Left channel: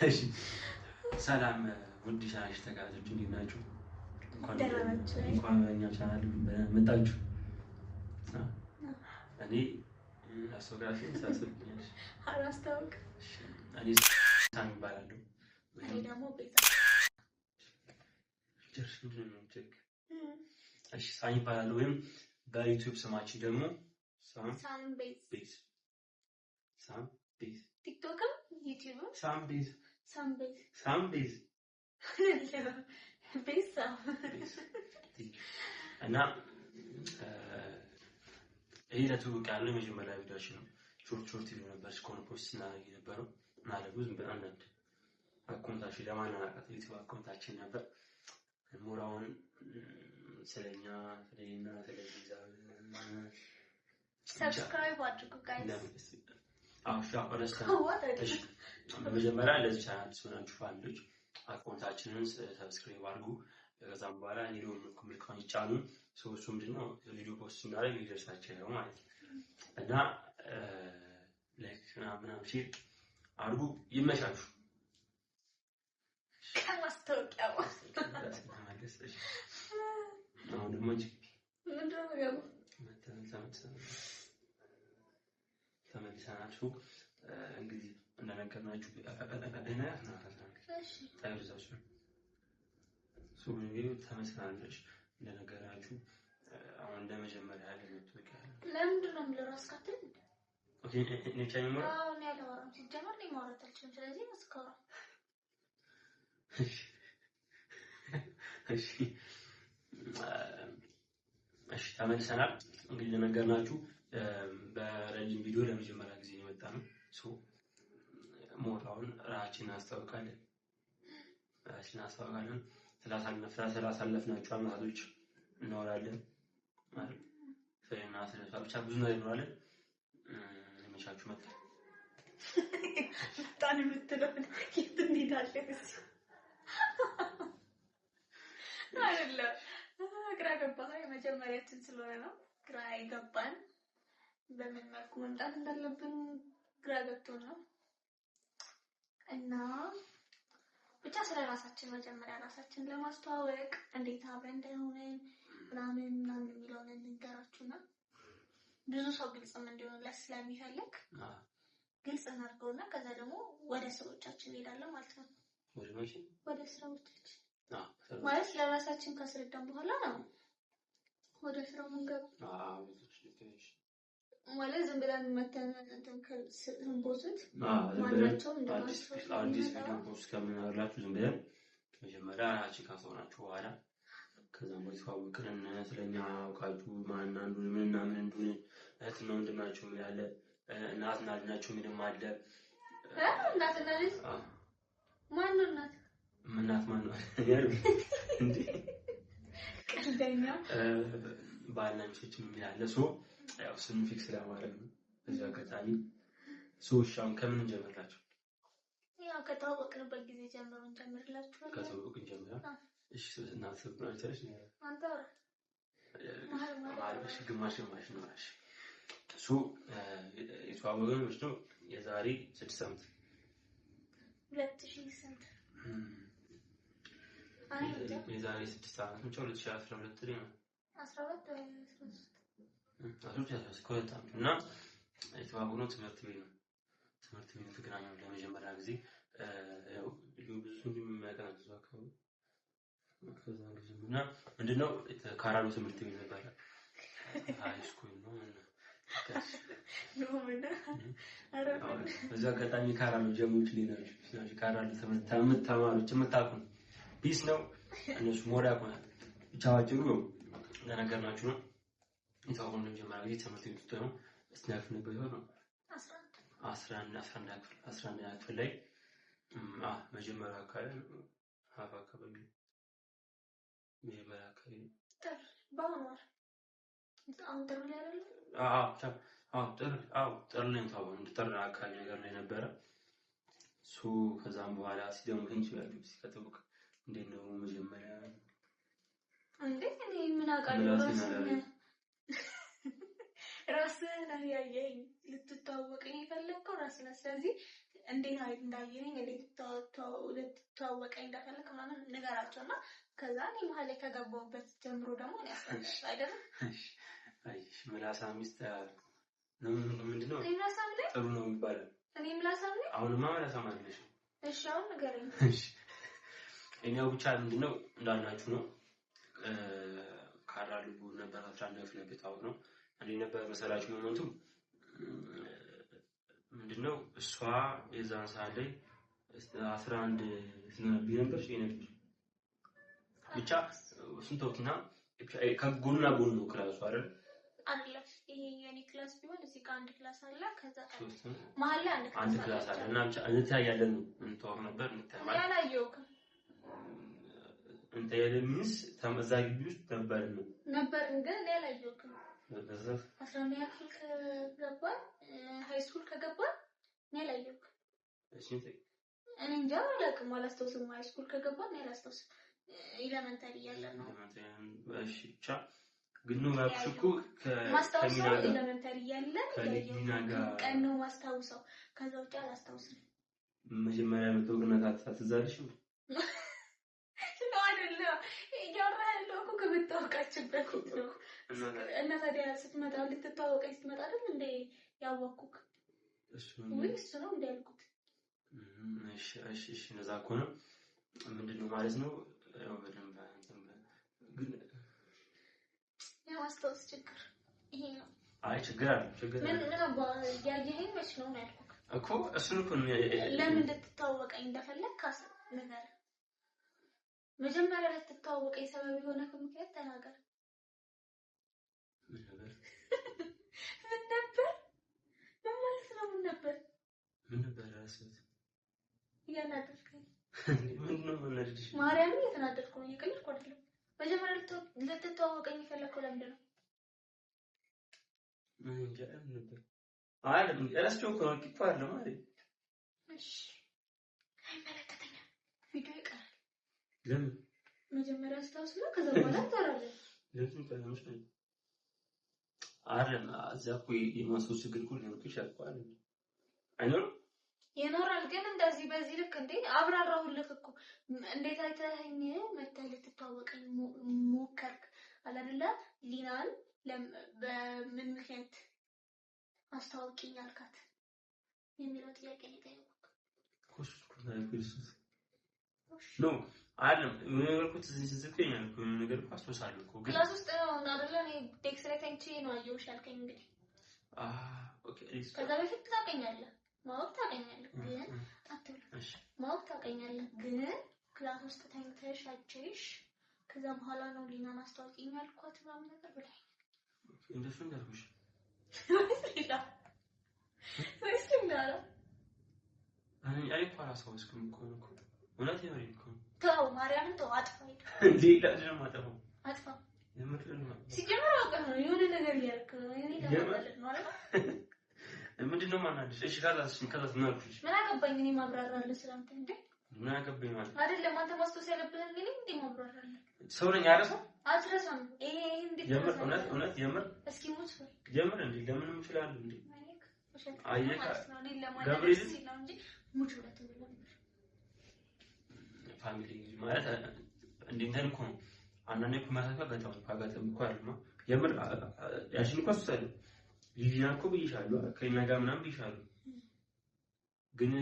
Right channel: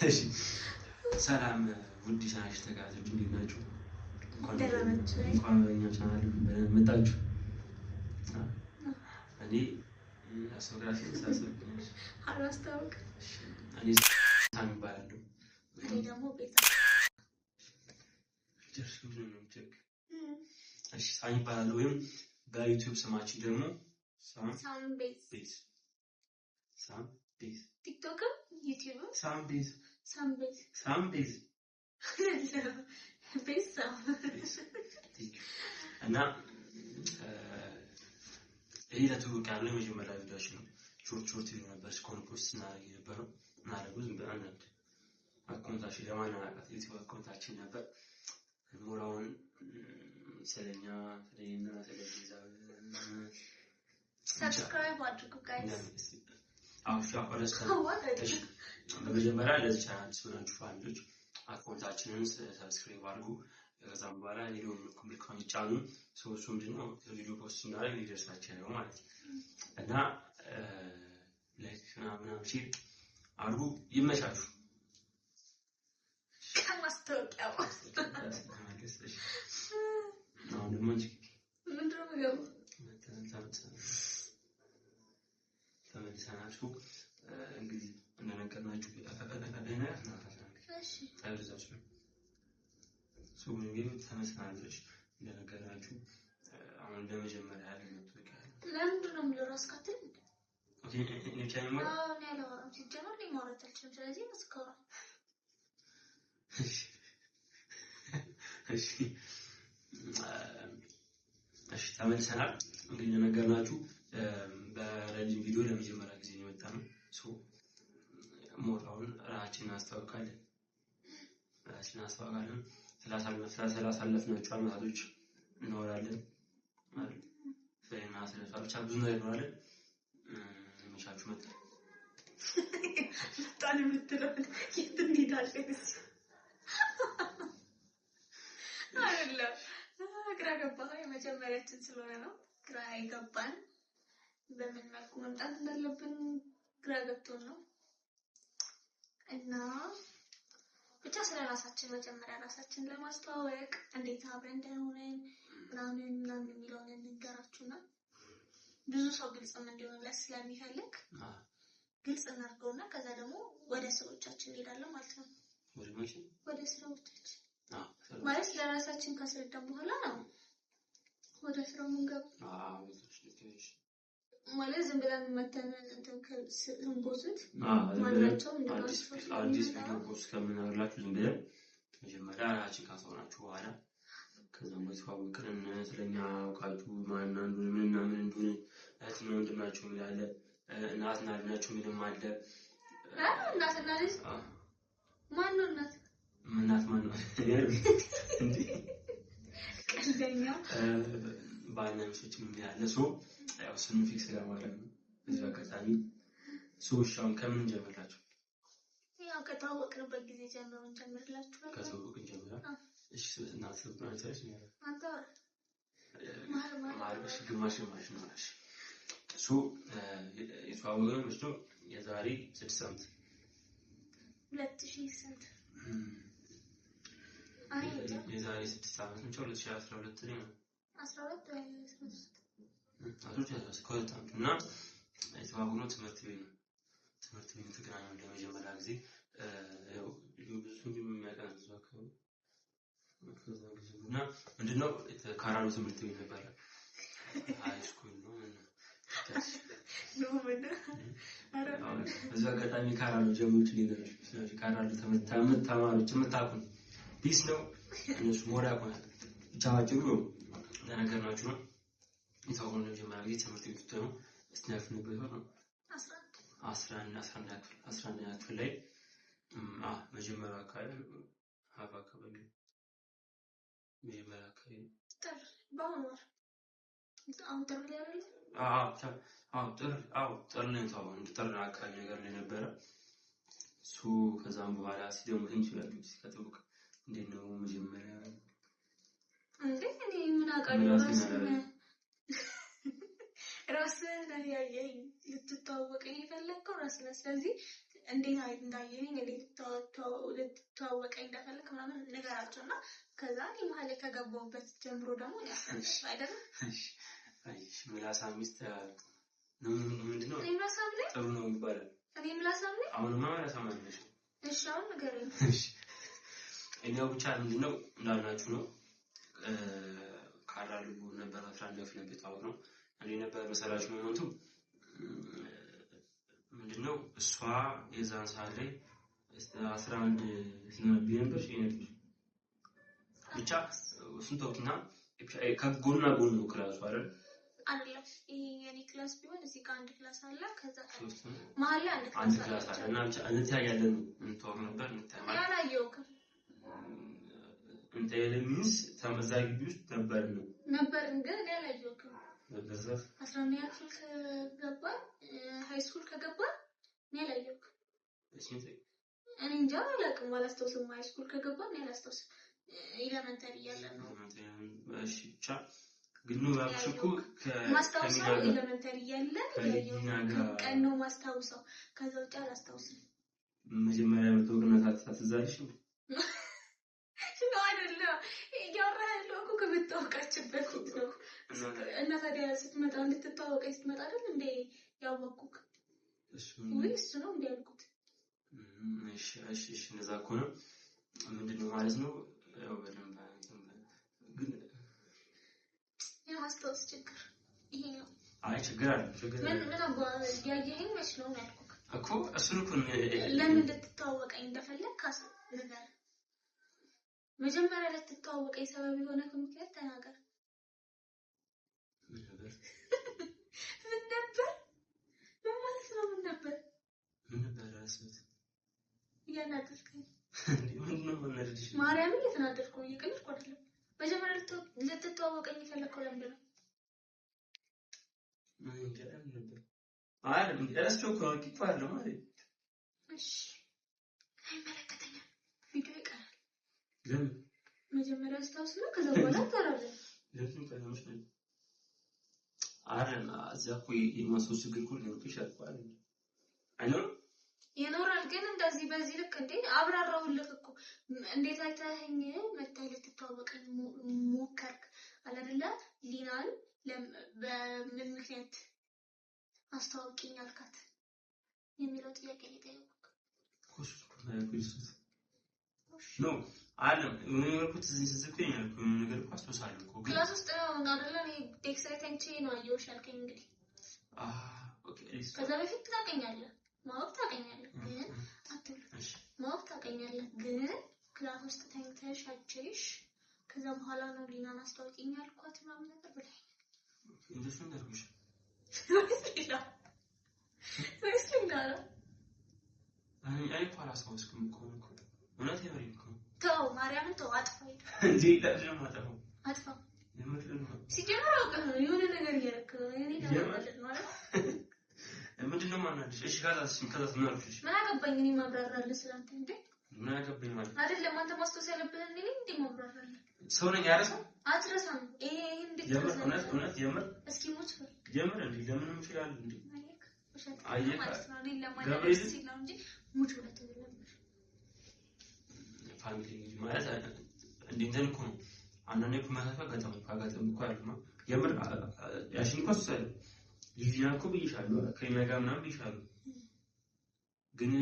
እሺ ሰላም ውድ ቻናል ተከታታዮች እንዴት ናችሁ? እንኳን በእኛ ቻናል መጣችሁ። እኔ አስተዋጋሽ ተሳስብኛለሽ። አላስታውቅ እኔ ሳሚ እባላለሁ። እኔ ደግሞ ቤዛ እሺ ሳሚ እባላለሁ ወይም በዩቲዩብ ስማችን ደግሞ ሳም ቤዝ ቲክቶክም ዩቲዩብም ሳም ቤዝ ቤዝ እና ይሄ ለትውውቅ ያለው የመጀመሪያ ቪዲዮአችን ነው። ሾርት ቪዲዮ ነበር እስካሁን ፖስት ስናደርግ የነበረው እና ደግሞ ዝም ብለን አንዳንድ አካውንታችን ለማናውቃት ዩቲዩብ አካውንታችን ነበር ሞራውን ስለኛ ስለኛ ስለዚህ ሰብስክራይብ አድርጉ ጋይስ። በመጀመሪያ ለዚህ ቻናል ስለሆናችሁ ፋሚሊዎች አካውንታችንን ሰብስክራይብ አድርጉ። ከዛም በኋላ ቪዲዮውን ምልክቱን ይጫኑ። እሱ ምንድነው ቪዲዮ ፖስት ስናደርግ ይደርሳችሁ ነው ማለት ነው። እና ላይክ ምናምን ሼር አድርጉ። ይመቻችሁ። ከማስታወቂያ አሁን ደግሞ ምንድነው ገቡ ተመልሰናል። እንግዲህ እንደነገርናችሁ ተመልሰናል። እንደነገርናችሁ አሁን ለመጀመሪያ ያለ ለምንድን ነው የምለው ራስ ካትል ኦኬ እኔ ቻይማ እኔ አላወራም ሲጀመር ላይ ማውራት አልችልም። ስለዚህ መስከራ እሺ ተመልሰናል። እንግዲህ እንደነገርናችሁ በረጅም ቪዲዮ ለመጀመሪያ ጊዜ ነው የመጣነው። ሞራውን ራሳችንን እናስተዋውቃለን። ስላሳለፍናቸው አመታቶች እናወራለን ማለት ፈይና ስለሷ ብቻ ብዙ ነገር እናወራለን። መቻችሁ መጣ ታን የምትለው የት እንሄዳለን? አይደለም ግራ ገባህ? የመጀመሪያችን ስለሆነ ነው ግራ ይገባል። በምን መልኩ መምጣት እንዳለብን ግራ ገብቶን ነው። እና ብቻ ስለራሳችን መጀመሪያ ራሳችንን ለማስተዋወቅ እንዴት አብረን እንደሆነን ምናምን የሚለውን እንንገራችሁና ብዙ ሰው ግልጽም እንዲሆንለት ስለሚፈልግ ግልጽ እናድርገውና ከዛ ደግሞ ወደ ስራዎቻችን እንሄዳለን ማለት ነው። ወደ ስራዎቻችን ማለት ለራሳችን ካስረዳን በኋላ ነው ወደ ስራው የምንገባው። ማለት ዝም ብለን መተን እንትን ከስንቦስት ማናቸው አዲስ ቪዲዮ ፖስት ከምናደርጋችሁ ዝም ብለን መጀመሪያ ራሳችን ካስወራችሁ በኋላ ከዛም ወይስ ስለኛ አውቃችሁ ማን አንዱን ምን እንደሆነ እህትና ወንድም ናቸው የሚላለ እናትና ልጅ ናቸው ምንም አለ እናትና ልጅ ማን ነው እናት ማን ነው እንዴ ቀልደኛ ባልና ሚስቶች የሚላለ ያው ስም ፊክስ ለማድረግ ነው። እዚህ አጋጣሚ ሶሻውን ከምን እንጀምራችሁ? ያው ከታወቅንበት ጊዜ ጀምሮ እንጀምርላችኋለን። ከተዋወቅን ጀምራ እሺ እናት ሰብራይተርሽ አንተ ማለሽ ግማሽ ነው ማለት የተዋወቅነው ነው የዛሬ 6 ዓመት 2000 ስንት የዛሬ 6 ዓመት ነው 2012 ላይ ነው 12 ወይ 13 እና የተዋወቅነው ትምህርት ቤት ነው። ትምህርት ቤት ተገናኘን ለመጀመሪያ ጊዜ ያው ብዙ የሚያቀናንሱ አካባቢ እና ምንድነው ካራሎ ትምህርት ቤት ነበር። ሃይ ስኩል ነው እዛ አጋጣሚ ካራሎ ጀምሮች ሊነሩ ስለዚህ ካራሎ ትምህርት ተማሪዎች የምታውቁ ፒስ ነው እነሱ ሞዳ ቆናል ብቻዋቸው ነው ለነገርናችሁ ነው። የታወቀው መጀመሪያ ጊዜ ትምህርት ቤት ነው እስናፍ ነበር ነው 11 ክፍል ላይ መጀመሪያ አካባቢ አካባቢ መጀመሪያ አካባቢ ባማር አሁን ጥሩ ላይ አይደል? ጥሩ ላይ ታው ጥሩ አካባቢ ነገር ላይ ነበረ። ከዛም በኋላ ሲደሙ ትንሽ ያለው ሲከተውቅ እንዴት ነው መጀመሪያ እንዴ እኔ ምን አውቃለሁ ራስህ ነህ ያየኸኝ ልትተዋወቀኝ የፈለግከው ራስህ ነህ። ስለዚህ እንዴት እንዳየኝ እንዴት ልትተዋወቀኝ እንደፈለክ ምናምን ንገራቸውና ከዛ እኔ መሀል ላይ ከገባሁበት ጀምሮ ደግሞ ያስፈልጋል አይደለም። እሺ ምላሳም ሚስት ነው ምንድነው? እኔ ምላሳም ነኝ ጥሩ ነው የሚባለው። እኔ ምላሳም ነኝ። አሁንማ ምላሳም አይደለሽ። እሺ አሁን ንገረኝ። እሺ እኛው ብቻ ምንድነው እንዳልናችሁ ነው። ካራሉ ነበር 11 ክፍል ነበር ታውቀው እንዴ ነበር መሰላችሁ ሞመንቱ ምንድነው እሷ የዛን ሰዓት ላይ 11 ስለነበር ነበር ብቻ ስንቶኪና ከጎንና ጎን ነው ክላሱ አይደል ይሄ የኔ ክላስ ቢሆን እዚህ ጋር አንድ ክላስ አለ ከዛ መሀል ላይ አንድ ክላስ አለ እና ብቻ እንታያለን እንተዋወቅ ነበር እንታያለን ያላየውክ እንተ የለሚስ ተመዛጊ ውስጥ ነበርን ግን ያላየውክ በዛፍ 11ኛ ክፍል ከገባን ሃይ ስኩል ከገባን ያላየውክ እሺ እኔ እንጃ አላውቅም አላስታውስም ሃይ ስኩል ከገባን አላስታውስም ኤሌመንተሪ ያለን ነው እሺ ብቻ ግን ነው ያልኩሽ ማስታወሻው ኤሌመንተሪ ያለን ቀን ነው ማስታወሻው ከዛ ውጪ አላስታውስም መጀመሪያ መጥቶ ግን ታትዛልሽ አይደለም ያወራለው እኮ ከመታወቃችበት ነው እና ታዲያ ስትመጣ እንድትታወቀኝ ስትመጣ አይደል እንዴ ያወቅኩክ እሱ ነው እንዴ ያልኩት እሺ እንደዛ ከሆነ ምንድነው ማለት ነው ያው በደንብ ግን የማስታወስ ችግር ይሄ ነው አይ ችግር ምን አባ ያየኸኝ መች ነው ያልኩክ እኮ እሱን እኮ ለምን እንድትታወቀኝ እንደፈለክ ነገር መጀመሪያ ላይ ተታወቀኝ ሰበብ የሆነ ምክንያት ተናገር ምን ነበር ምን ማለት ነው ምን ነበር ራስህ ያናደርከኝ ምንድነው ወለድሽ ማርያምን የተናደርከው እየቀለድኩ አይደለም መጀመሪያ ልትተዋወቀኝ የፈለከው ለምንድን ነው ምን ይገርም ነበር አይደል እራስቸው እኮ አቂፋለ ማለት እሺ አይመለከተኝም ቪዲዮ ይቀራል ለምን መጀመሪያ አስታውስና ከዛ በኋላ ታራለህ ለምን ከለምሽ ነው አይደል አዛኩ የማስታወስ ችግር ሁሉ ነው ይሻልኳል አይኖር ይኖራል ግን እንደዚህ በዚህ ልክ እንዴ አብራራውልክ እኮ እንዴት አይተኸኝ መተህ ልትተዋወቀኝ ሞከርክ አላደለ ሊናን በምን ምክንያት አስተዋውቂኝ አልካት የሚለው ጥያቄ ሊጠይቁክ ኖ አለም ነገርኩት እዚህ ዝዝከኝ አልኩ ነገር አስተውሳለሁ እኮ ግን ክላስ ውስጥ ነው እንዳደለ እኔ ዴክስ ላይ ተንቺ ነው አየሁሽ ያልከኝ እንግዲህ ኦኬ ከዛ በፊት ታውቀኛለህ ማወቅ ታውቀኛለህ ግን አትብለሽ ማወቅ ታውቀኛለህ ግን ክላስ ውስጥ ተንተሽ አጭሽ ከዛ በኋላ ነው ሊናን አስተዋውቂኝ ያልኳት ምናምን ነገር ብለህ እንደሱ እንዳልኩሽ ወይስ ልንገራ አይ ፓራሳውስኩም እኮ እውነት የምሬን እኮ ተው ማርያምን ተው አጥፋ እንዴ ለምን ማጠፋው አጥፋ የምትል ነው ሲጀመር አውቀህ ነው የሆነ ነገር እያደረክ ነው እኔ ደግሞ ማለት ምንድነው ማናደሽ እሺ ከዛስ ምን አልኩሽ ምን አገባኝ እኔ ማብራራለሁ ስላንተ እንዴ ምን አገባኝ ማለት አይደለም አንተ ማስተዋወስ ያለብህ እኔ እንዴ ማብራራለሁ ሰው ነኝ አይረሳም አትረሳም ይሄ እንዴት እውነት የምር እስኪ ሙት የምር እንዴ ለምን ይችላል እንዴ አየካ ገብርኤል ሲል እንጂ ሙት ወለት ይላል ፋሚሊ ማለት እንዴት ነው አንዳንዴ እኮ ማታፈጋታው እኮ ያለማ የምር ያሽን እኮ ሰለ ሊዲያ እኮ ብይሻለሁ ከኛ ጋር ምናምን ብይሻለሁ ግን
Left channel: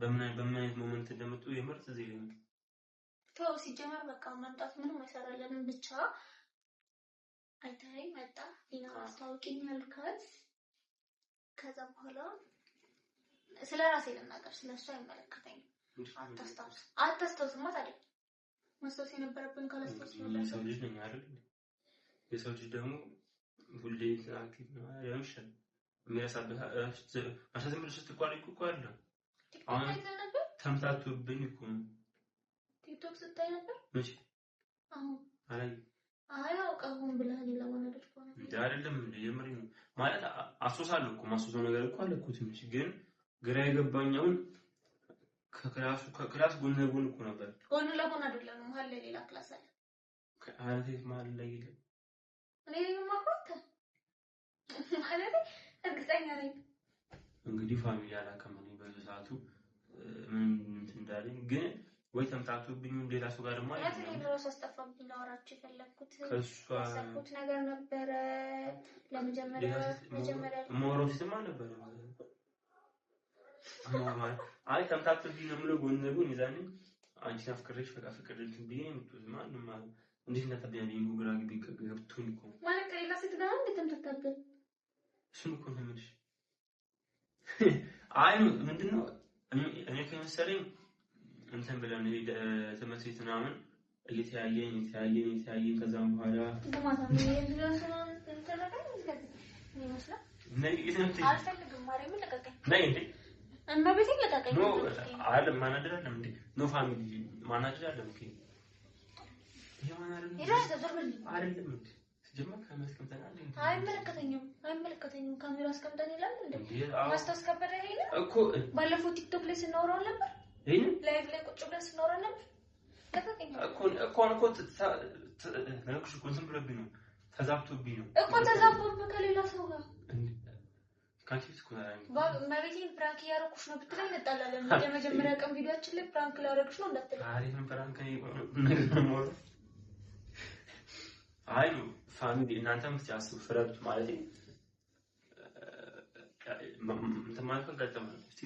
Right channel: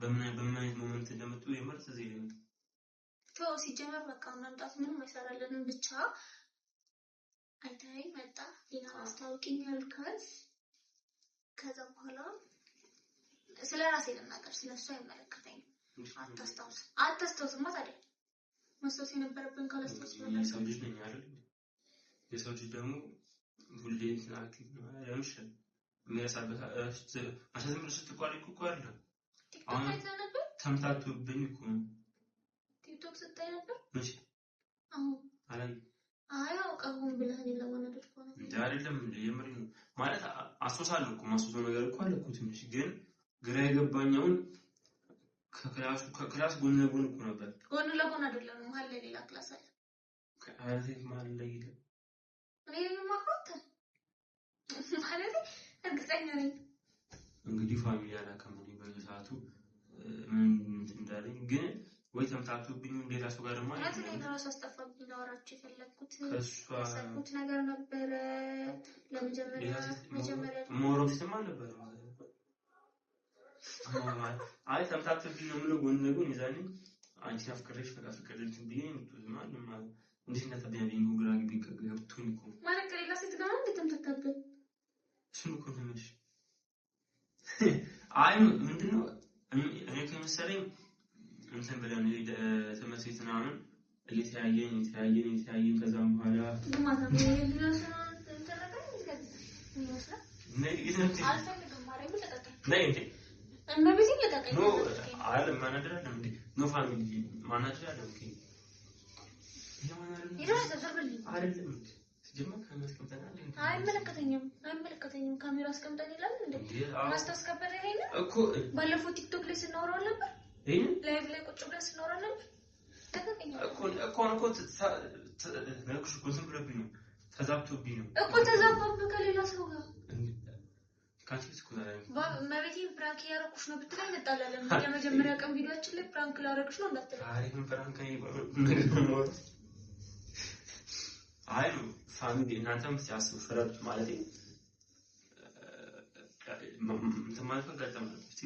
በምን አይነት ሞመንት እንደመጡ የምር እዚህ ላይ ተው ሲጀመር በቃ ማምጣት ምንም አይሰራልንም ብቻ አይታይ መጣ ሊና አስተዋውቂኝ ያልካት ከዛ በኋላ ስለራሴ ልናገር ስለሷ አይመለከተኝም አታስታውስማ ታዲያ መስታወስ የነበረብን ካላስታውስ ነው ሰው ልጅ ነኝ አይደል የሰው ልጅ ደግሞ ሁሌ አክቲቭ ነው ያውሻል የሚያሳበህ አሰዘም ብለሽ ስትቋሪ እኮ አለ አሁን ተምታቱብኝ እኮ ቲክቶክ ስታይ ነበር እሺ አሁን አያውቀውም ብለህ ለማለት እኮ ነው እንዴ አይደለም እንዴ የምር ነው ማለት አሶሳለሁ እኮ ማሶሶ ነገር እኮ አለ እኮ ትንሽ ግን ግራ የገባኛውን ከክላስ ጎን ለጎን እኮ ነበር ጎን ለጎን አይደለም መሀል ላይ ሌላ ክላስ አለ ከአንተ መሀል ላይ ይላል እኔ ማቆጥ ማለት እርግጠኛ ነኝ እንግዲህ ፋሚሊ አላከመኝ በዛ ግን ወይ ተምታቱብኝ ሌላ ሰው ጋር ማለት ነው ድረስ አስጠፋብኝ ላወራችሁ የፈለኩት ከሷ ያሰብኩት ነገር ነበረ ለመጀመሪያ ሞሮም ሲተማ ነበር አይ ተምታቱብኝ ነው ምለው ጎን ለጎን ይዛኝ አንቺ አፍቅሬሽ በቃ ፍቅርልኝ ብዬ የምትውል ማንም እንዴት እንደተበያየኝ ግራ ገብቶኝ እኮ ማለት ከሌላ ሴት ጋር እንዴት ተምታታብኝ እሱን እኮ ነው የምልሽ አይ ምንድነው እኔ ከመሰለኝ እንትን ብለን ትምህርት ቤት ምናምን እየተያየን ከዛም በኋላ አይመለከተኝም ካሜራ አስቀምጠን ይላል እንዴ ማስታወስ ከበደ ይሄን እኮ ባለፈው ቲክቶክ ላይ ስናወራው ነበር ይሄን ላይቭ ላይ ቁጭ ብለን ስናወራው ነበር እኮ ለኩሽ እንትን ብለብኝ ነው ተዛብቶብኝ ነው እኮ ተዛብቶብኝ ከሌላ ሰው ጋር ካንቺስ እኮ ማለቴ ፕራንክ ያረኩሽ ነው ብትለኝ እንጣላለን የመጀመሪያ ቀን ቪዲዮአችን ላይ ፕራንክ ላረኩሽ ነው እንዳትለኝ አሪፍ ፕራንክ ነው አይ ፋሚሊ እናንተም ሲያስቡ ፍረዱት ማለት ነው ማለት ገጠመ እስቲ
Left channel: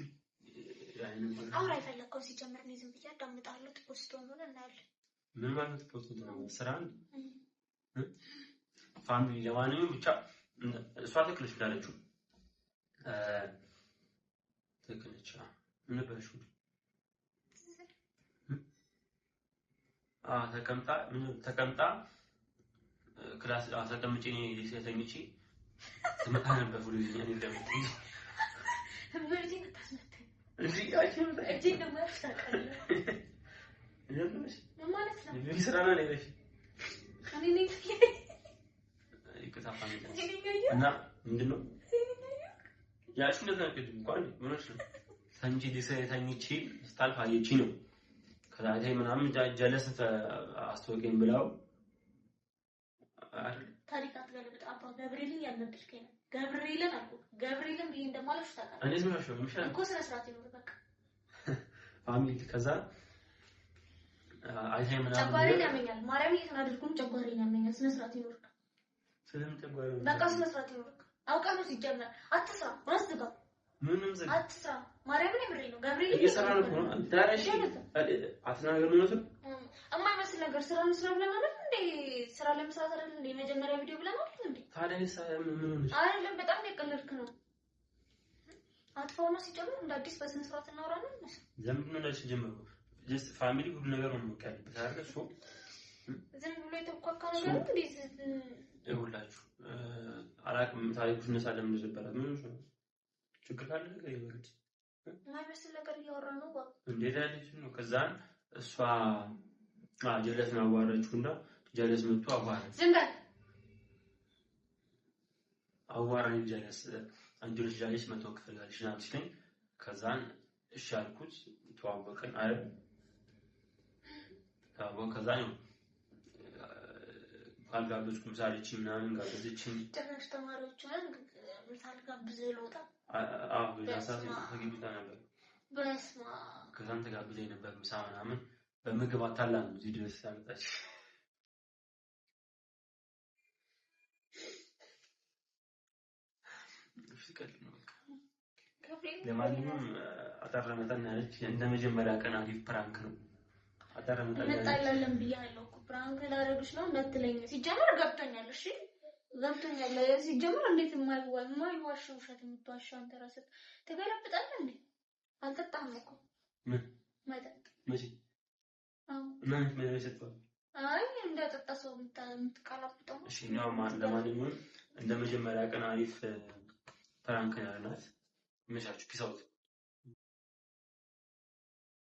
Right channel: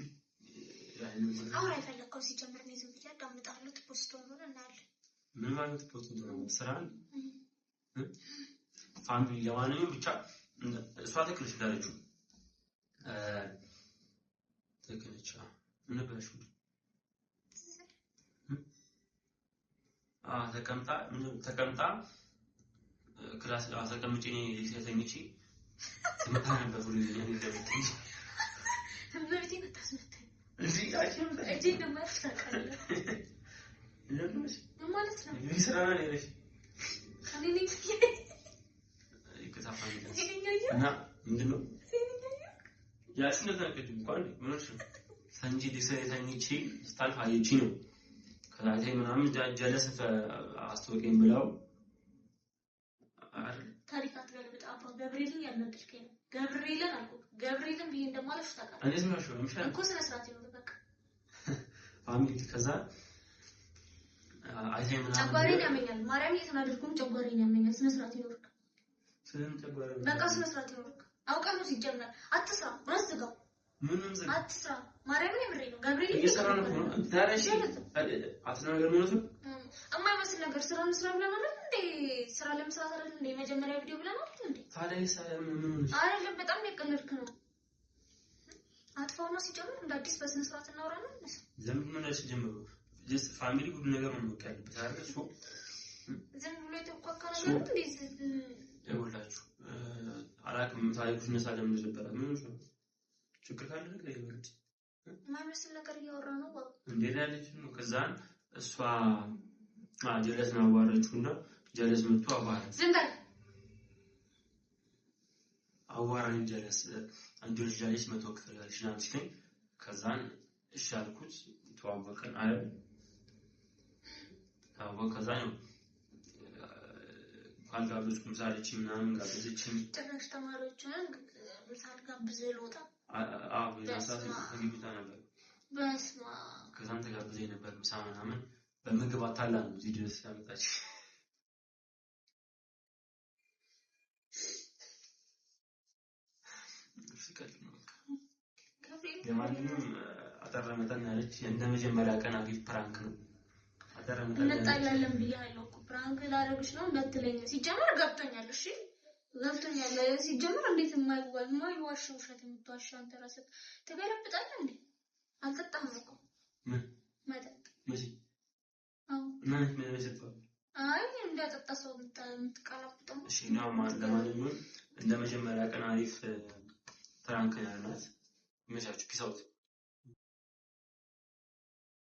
አሁን አይፈልኩም ሲጀምር ነው ዝም ብዬ አዳምጣለሁ ፖስት ሆኖ እናያለን ምን ማለት ፖስት ነው ስራን ፋሚሊ ለማንኛውም ብቻ እሷ ተክልሽ እንዳለችው ተክልቻ ምን በሹ ተቀምጣ ክላስ ተቀምጬ ተኝቼ ትመጣ ነበር ሁሉ ይኛል እንደምትይ ህብርቲ ተታስመተኝ እዚህ አይችልም እጂ እንደማይፍ ታውቃለህ ምን ማለት ነው ይስራና ለሽ ከኔ ይከታፋኝ እና ምንድነው ያቺ ነገር እንኳን ምን ነው ተንጂ ተኝቼ ስታልፍ አየቺ ነው ከዛታይ ምናምን ጀለስ አስተወቀኝ ብለው ታሪክ አትገልብጥ አባ ገብርኤልን ያልነብልከኝ ነው ገብርኤልን አልኩ ገብርኤልን ብዬ እንደማለፍ ታውቃለህ እንዴት ነው ሸው ምሽል እኮ ስነ ስርዓት ነው በቃ ፋሚሊ ከዛ አይታይ ምናምን ጨጓራዬን ያመኛል ማርያም እየተናደድኩም ጨጓራዬን ያመኛል ስነ ስርዓት ይኖርክ ስለምን ጨጓራዬ በቃ ስነ ስርዓት ይኖርክ አውቃ ነው ሲጀመር አትስራ ማስዝጋው ምንም ዘግ አትስራ ማርያምን የምሬ ነው ገብርኤል እየሰራ ነው ታዲያ እሺ አትናገር ነው ነው የማይመስል ነገር ስራ መስራት ለማለት እንዴ ስራ ለመስራት አይደል እንዴ መጀመሪያ ቪዲዮ ብለናል እንዴ ታዲያ ምን ሆነሽ አይደለም በጣም ያቀለልክ ነው አጥፋውና ሲጀምር እንደ አዲስ በስነ ስርዓት እናወራለን ለምን ነው ለሽ ጀምሩ ጀስት ፋሚሊ ሁሉ ነገር ነው የሚቀርብት አይደል እሱ ዝም ብሎ የተቆቃ ነገር እንዴ ይኸውላችሁ አላቅም ታሪኩ ነሳለም ነበር ምን ነው ችግር ካለ ነገር ይበልጥ የማይመስል ነገር እያወራ ነው ባባ እንዴ ዳለች ነው ከዛን እሷ ጀለስ ነው አዋራችሁና ጀለስ መጥቶ አዋራ ዝም በል አዋራኝ ጀለስ አንጆች ጀለስ መጥቶ ክፍል ያልሽ ናት ሲለኝ ከዛን እሺ አልኩት ተዋወቅን አይደል ከዛን ካልጋብዝኩም ሳለች ምናምን ጋብዘችኝ ጭራሽ ተማሪዎችን ምሳል ጋብዘ ልወጣ ያሳስ ተግብታ ነበር በስማ ከዛን ተጋብዘኝ ነበር ምሳ ምናምን በምግብ አታላ ነው እዚህ ድረስ ያመጣች ፍቅር ነው ለማንኛውም አጠራመጣና ያለች እንደመጀመሪያ ቀን አሪፍ ፕራንክ ነው አጠራመጣና እንጣላለን ብያለሁ እኮ ፕራንክ ላደርግሽ ነው እንዳትለኝ ሲጀመር ገብቶኛል እሺ ገብቶኛል ሲጀመር እንዴት የማይዋሽ ውሸት የምትዋሽ አንተ ራስህ ተገለብጣለህ እንዴ አልጠጣህም እኮ ምን መጠጥ መቼ እናንተ ምን ያሰጣው አይ እንደጠጣ ሰው የምትቀላብጠው እሺ ነው ለማንኛውም እንደመጀመሪያ ቀን አሪፍ ፕራንክ ያልናት መሻችሁ ፒስ አውት